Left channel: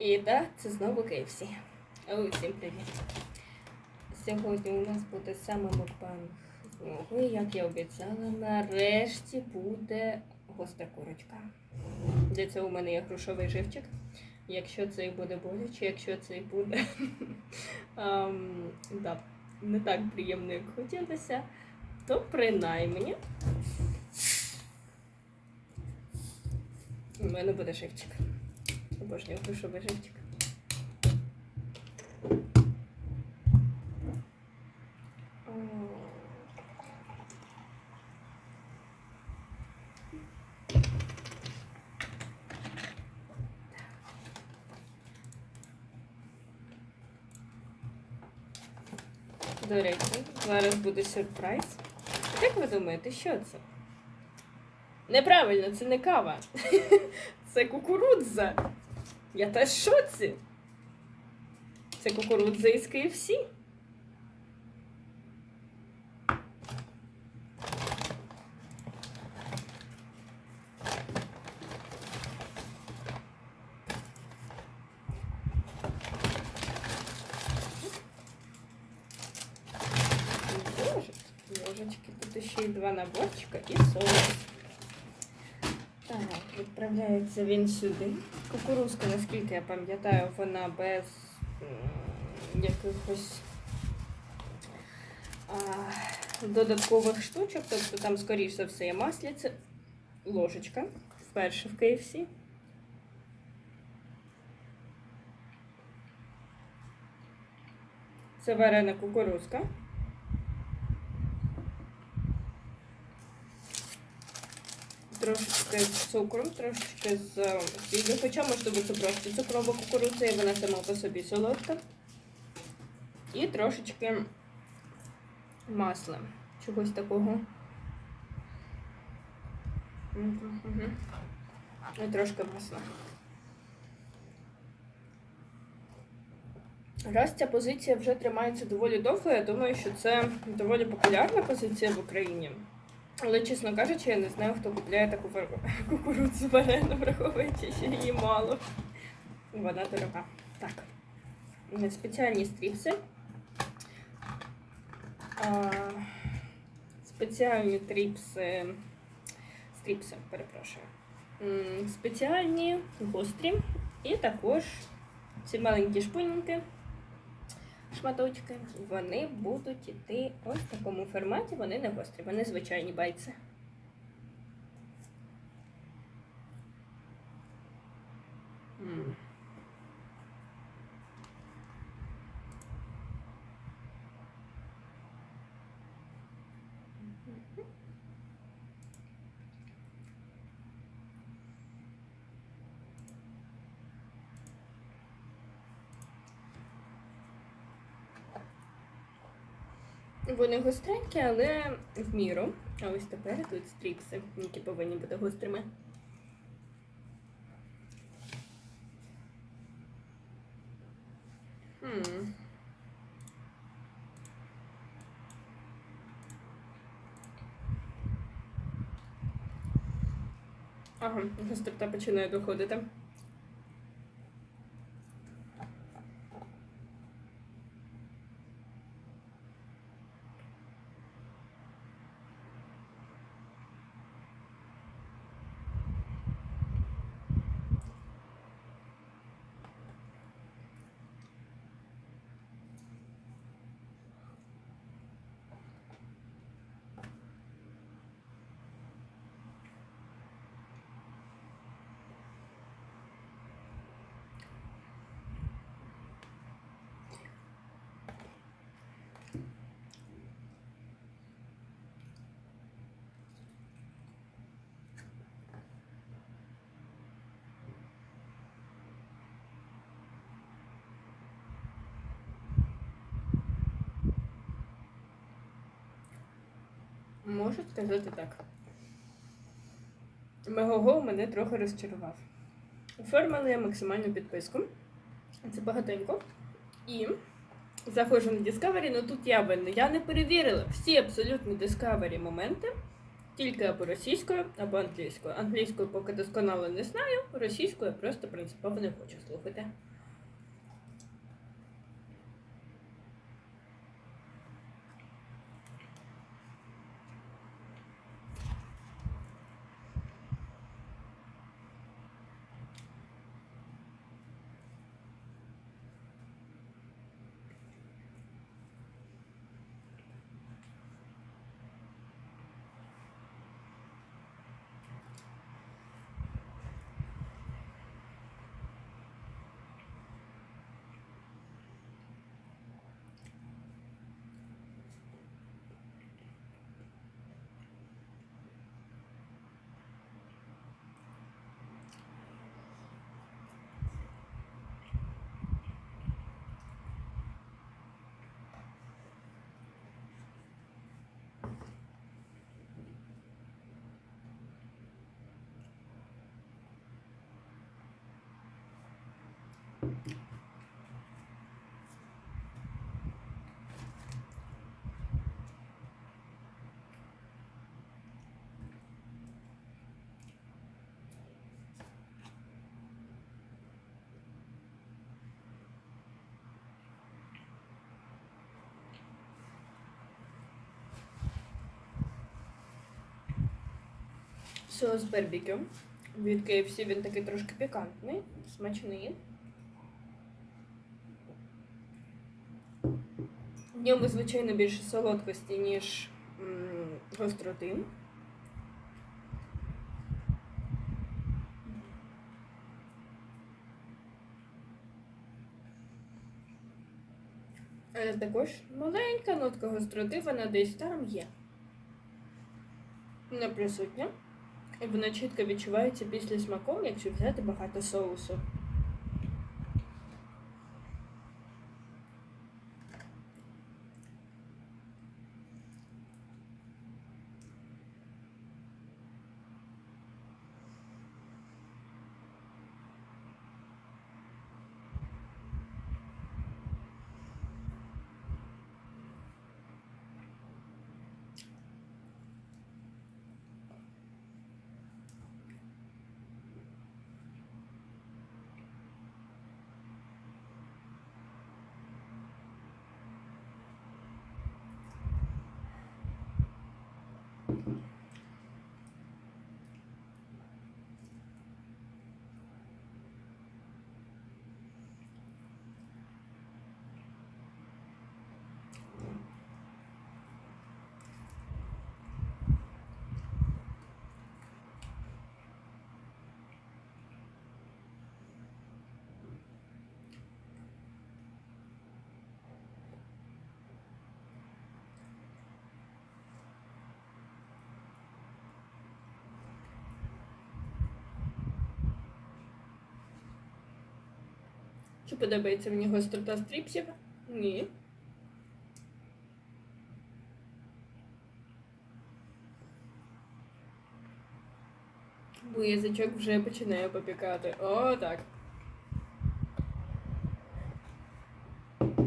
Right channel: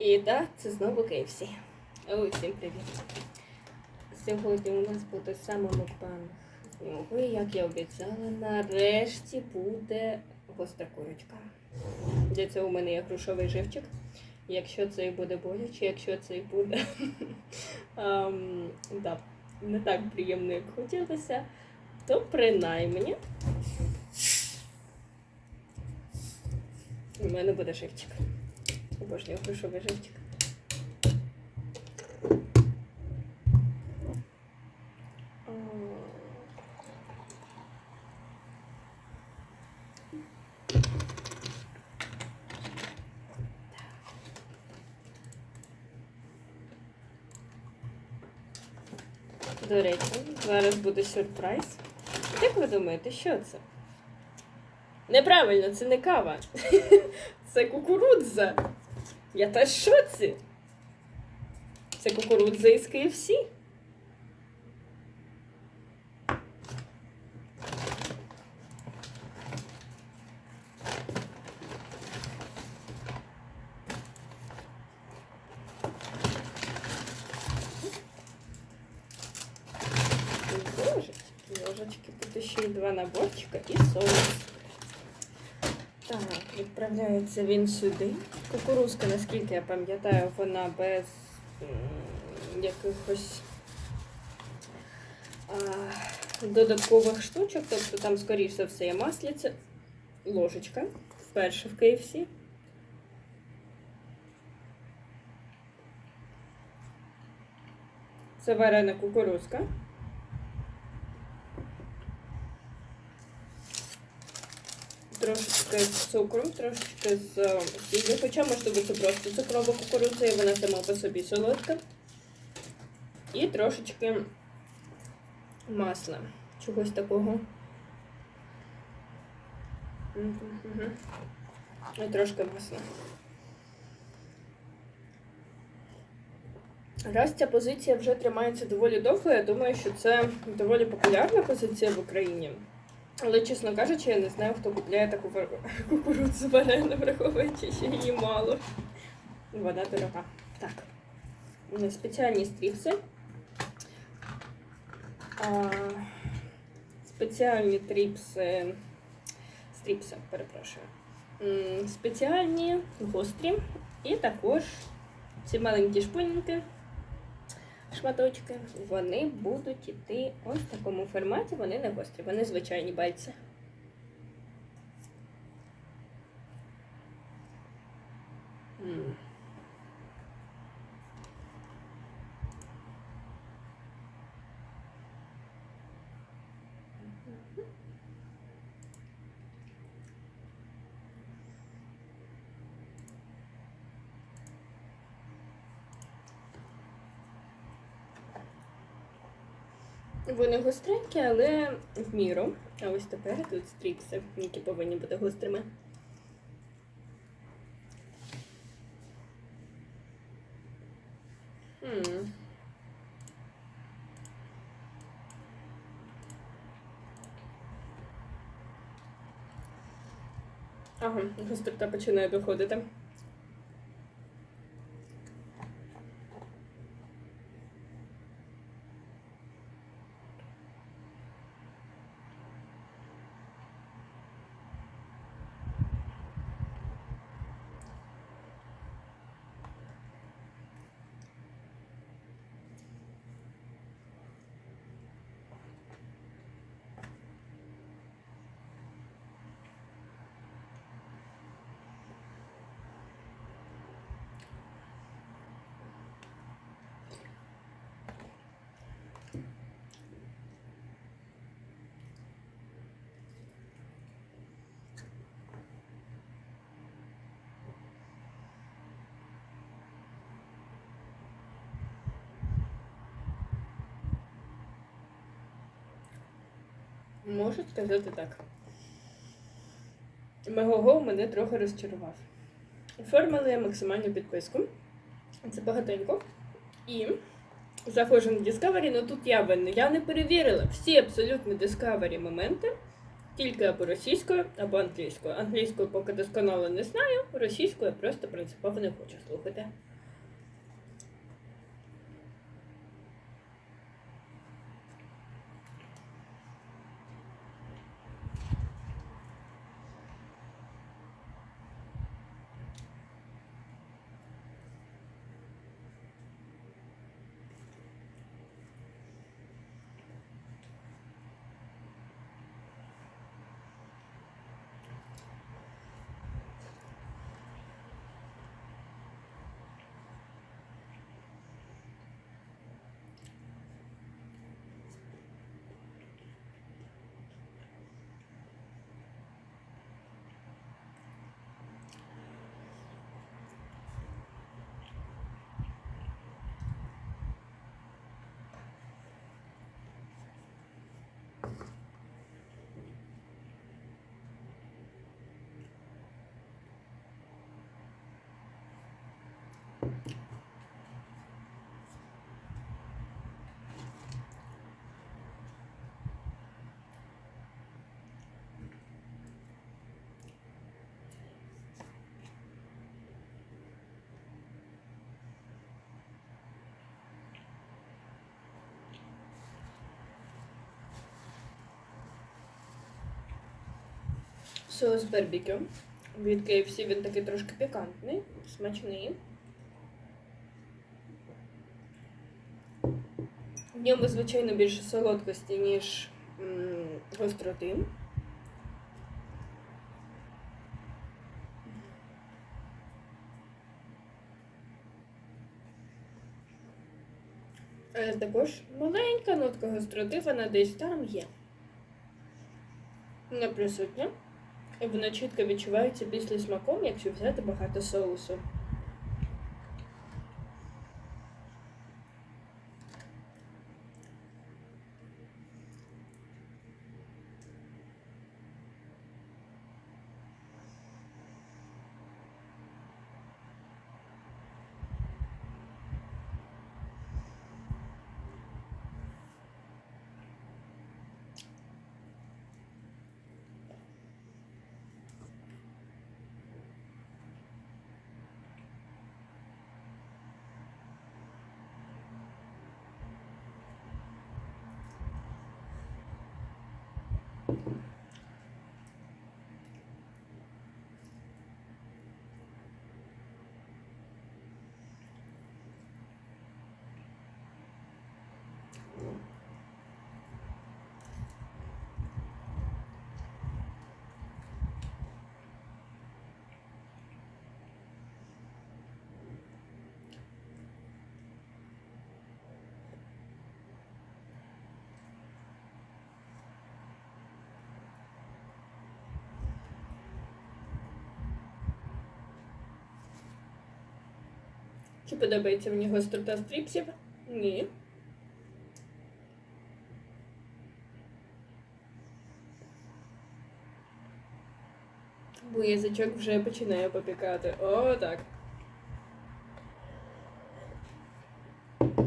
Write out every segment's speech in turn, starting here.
І так, це знову KFC. Усім привіт. Сьогодні у нас буде саме мукбанг з нього. І як я обіцяла, нарешті буде гостра курочка. Для цього у мене є грушовий живчик. Якщо це і буде боляче, якщо це і буде да, не так приємно, як хотілося, то принаймні у мене буде живчик. Обожнюю грушовий живчик. До речі, зараз буде сюрприз. Як ви думаєте, що це? Неправильно, це не кава. Це кукурудза. Я в шоці. Це кукурудза із KFC. Тут ще й два наборчика і соус. Так, відправляється він сюди. Кукурузка, наскільки я пам'ятаю, вона без якихось а, додаткових штучок. Тобто там, скоріш за все, є масляця. Ложечка. Вперше в KFC. Це варена кукурузка. Трошечки з цукром, трошечки з сіллю. Хоча може бути просто цукрова кукурудза, і вона сама по собі солодка. І трошечки масла. Чогось такого. І трошки масла. Раз ця позиція вже тримається доволі довго, я думаю, що це доволі популярна позиція в Україні. Але, чесно кажучи, я не знаю, хто купляє таку кукурудзу варену, враховуючи, що її мало. Вона дорога. Так. Спеціальні стріпси. Спеціальні тріпси. Стріпси, перепрошую. Спеціальні, гострі. І також ці маленькі шпиньки, шматочки, вони будуть йти ось в такому форматі, вони не гострі, вони звичайні байці. М. Вони гостренькі, але в міру. А ось тепер тут стріпси, які повинні бути гострими. Ага, гострота починає доходити. Можу сказати так. Мегого мене трохи розчарував. Оформила я максимальну підписку. Це багатенько. І заходжу на Discovery, ну тут я винна. Я не перевірила всі абсолютно Discovery моменти. Тільки або російською, або англійською. Англійською поки досконало не знаю, російською я просто принципово не хочу слухати. Соус барбекю. Від KFC він такий трошки пікантний, смачний. В ньому, звичайно, більше солодкості, ніж гостроти. Але також маленька нотка гостроти, вона десь там є. Не присутня. І вона чітко відчувається після смаком, якщо взяти багато соусу. Чи подобається мені гострота стріпсів? Ні. Бо язичок вже починає попікати. О, так. М.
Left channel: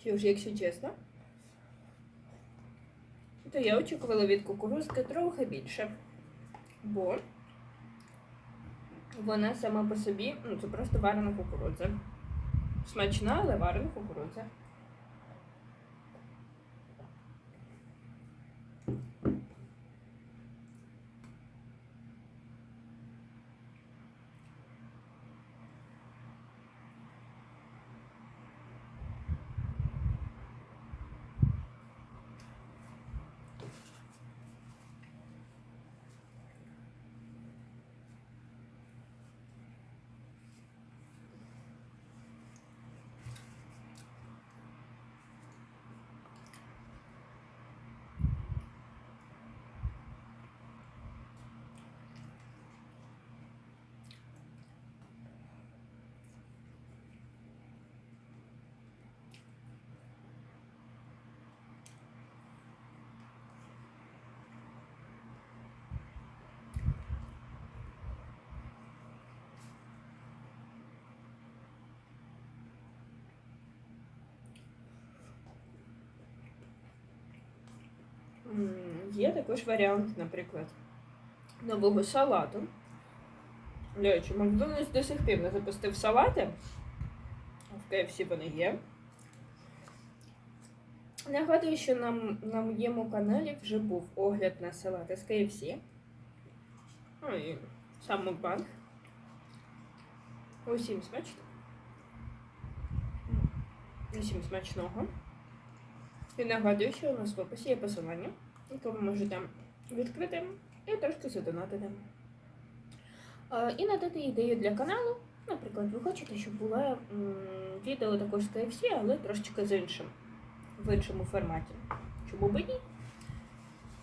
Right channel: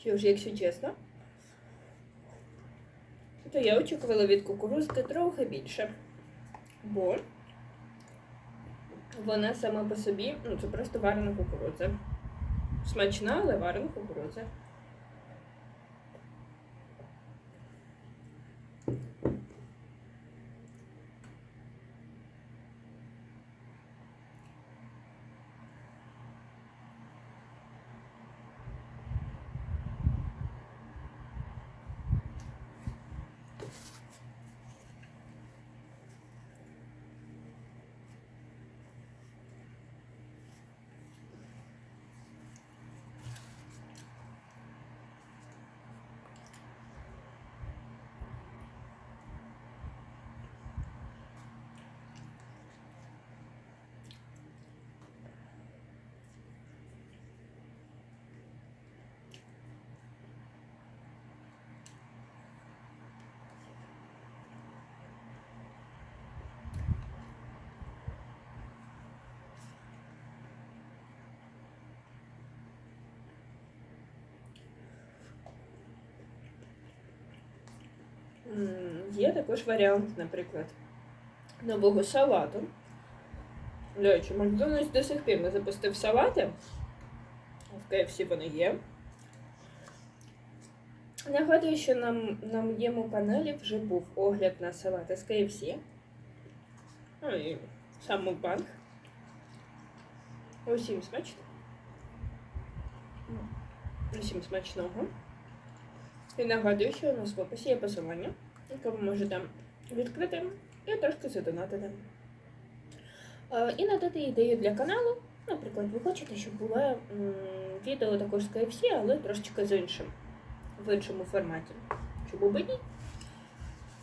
Що ж, якщо чесно, то я очікувала від кукурузки трохи більше. Бо вона сама по собі, ну це просто варена кукурудза. Смачна, але варена кукурудза. Є також варіант, наприклад, нового салату. До речі, Макдональдс до сих пір не запустив салати. В KFC вони є. Нагадую, що нам, на моєму каналі вже був огляд на салати з KFC. Ну і сам мукбанг. Усім смачно. Усім смачного. І нагадую, що у нас в описі є посилання, яке ви можете відкрити і трошки задонатити. Е, І надати ідею для каналу. Наприклад, ви хочете, щоб було відео також з KFC, але трошечки з іншим, в іншому форматі. Чому би ні?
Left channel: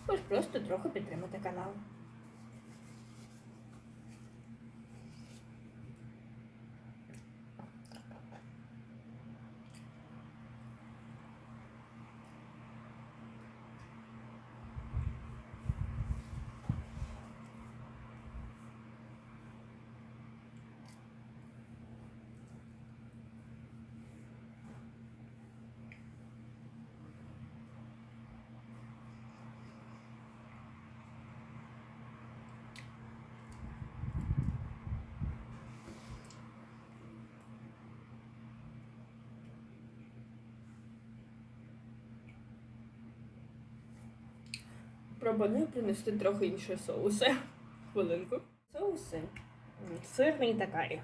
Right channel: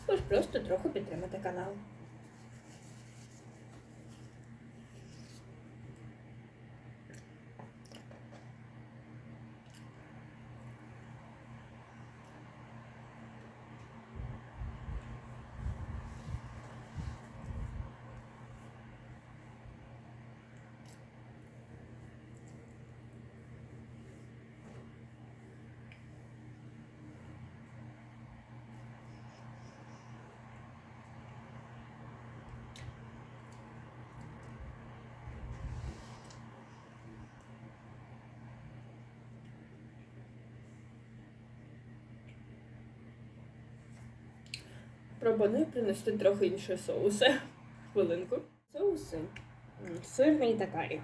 Ви просто трохи підтримати канал. Пропоную принести трохи інші соуси. Хвилинку. Соуси. Сирний та.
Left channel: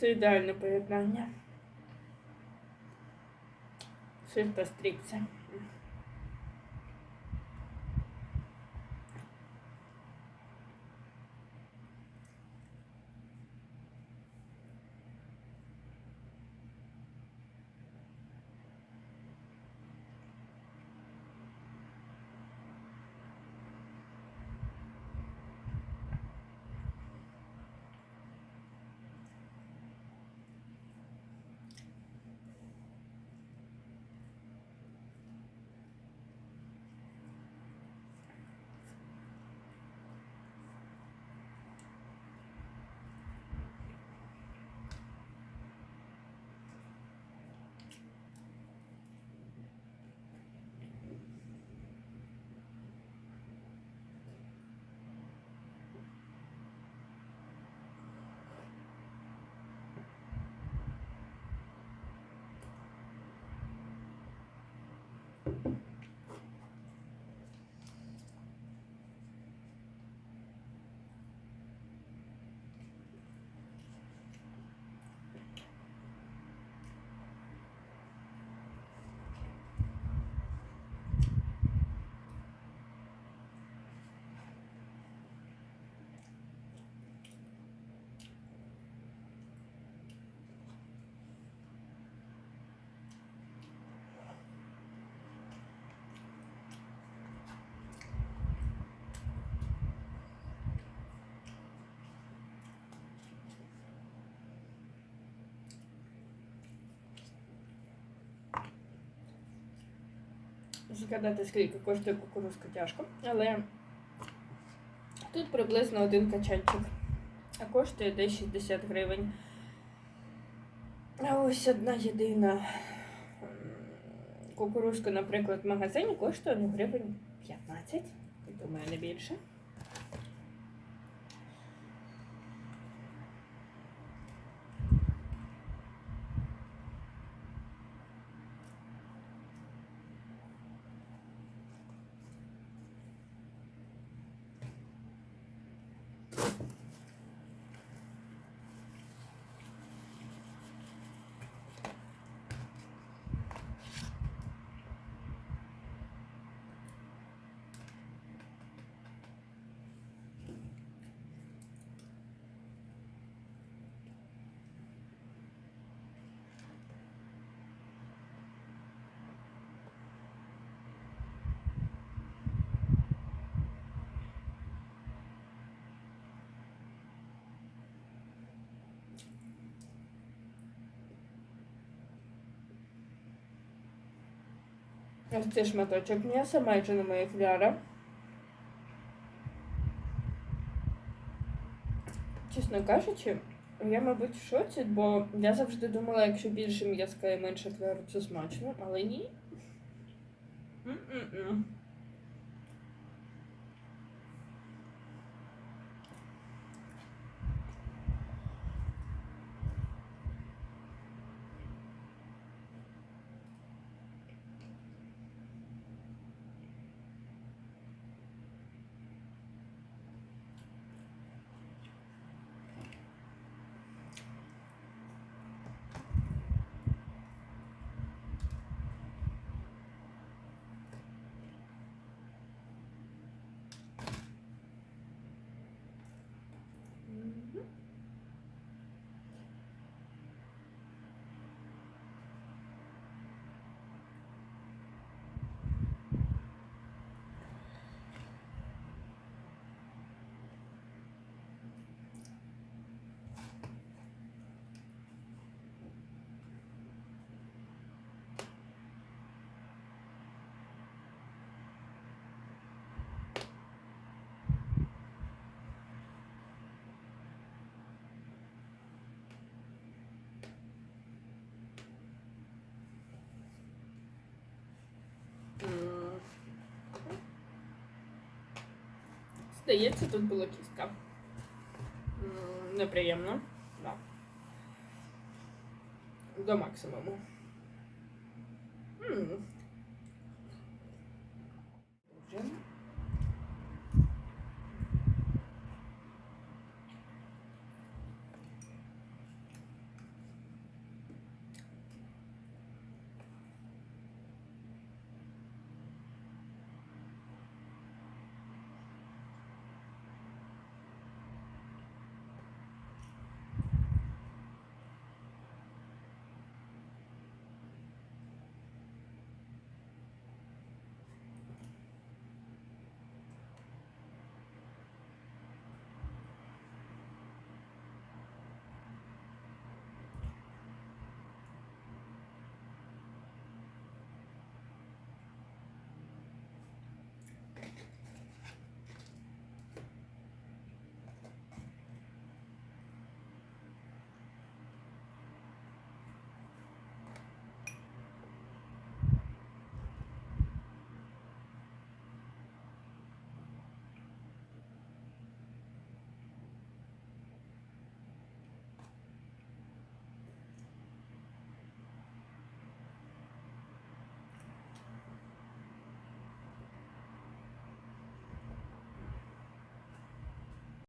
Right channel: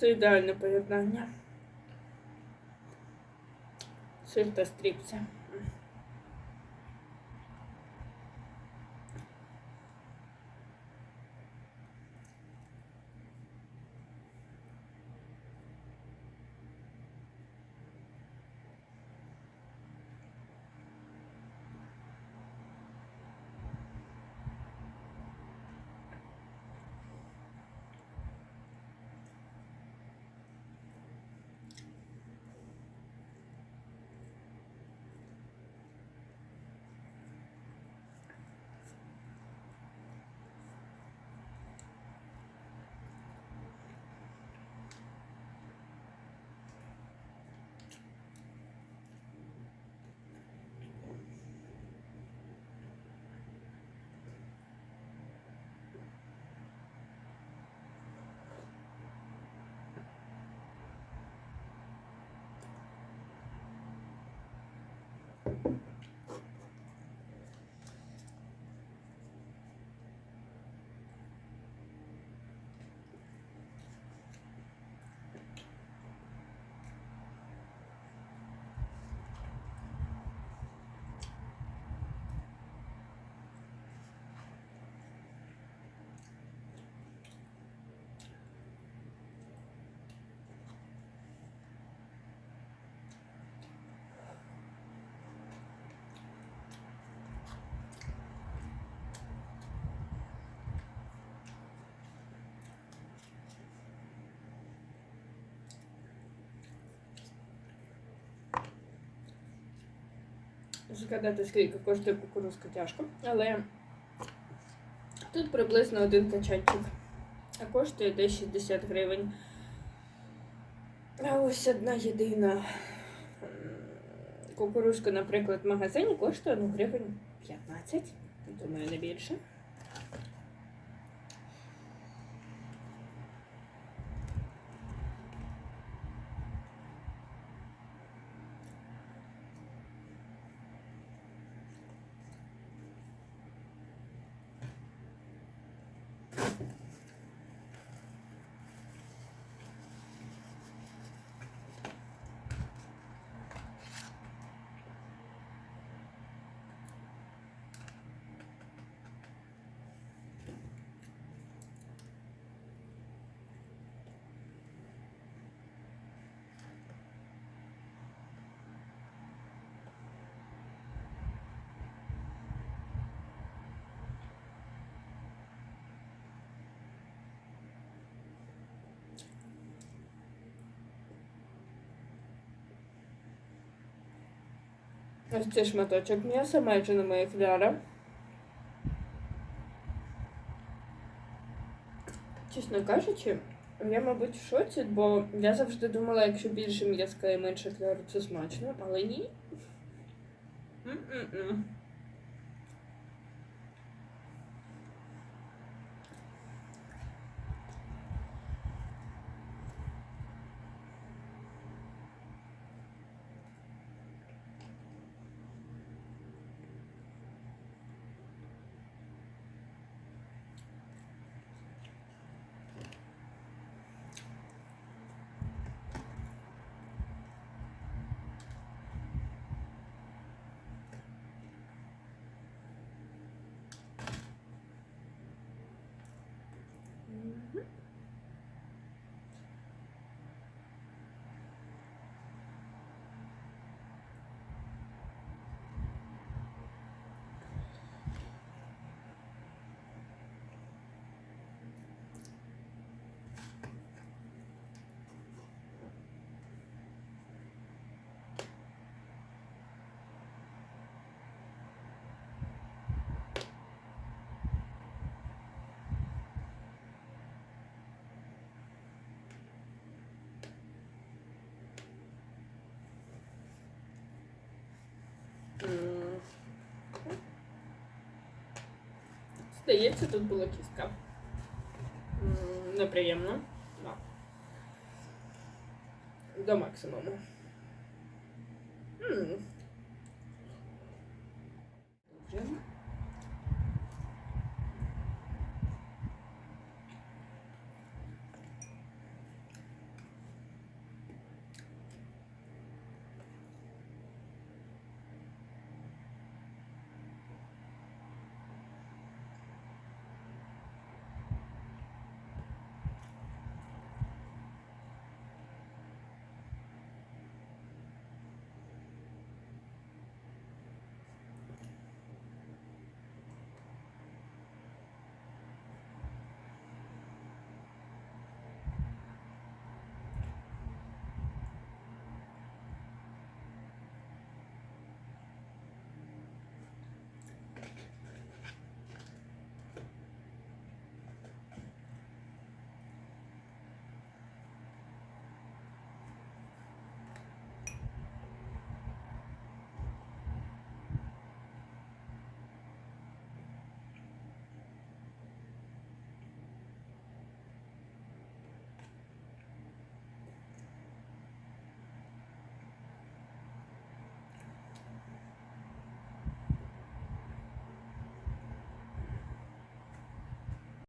Це ідеальне поєднання. Сир та стріпця. Згадати, скільки коштує кукурузка тяжко, але тут приблизно один качанчик, а коштує десь 60 гривень. А ось одна єдина кукурузка, наприклад, в магазині коштує 1 гривень 15, думаю, не більше. Ось шматочок м'яса, майже на моїх ляра. Чесно кажучи, я, мабуть, в шоці, бо я завжди думала, якщо більше м'язка і менше кляру, це смачно, але ні. М-м-м. Мгм. Здається, тут була кістка. Неприємно. Да. До максимуму.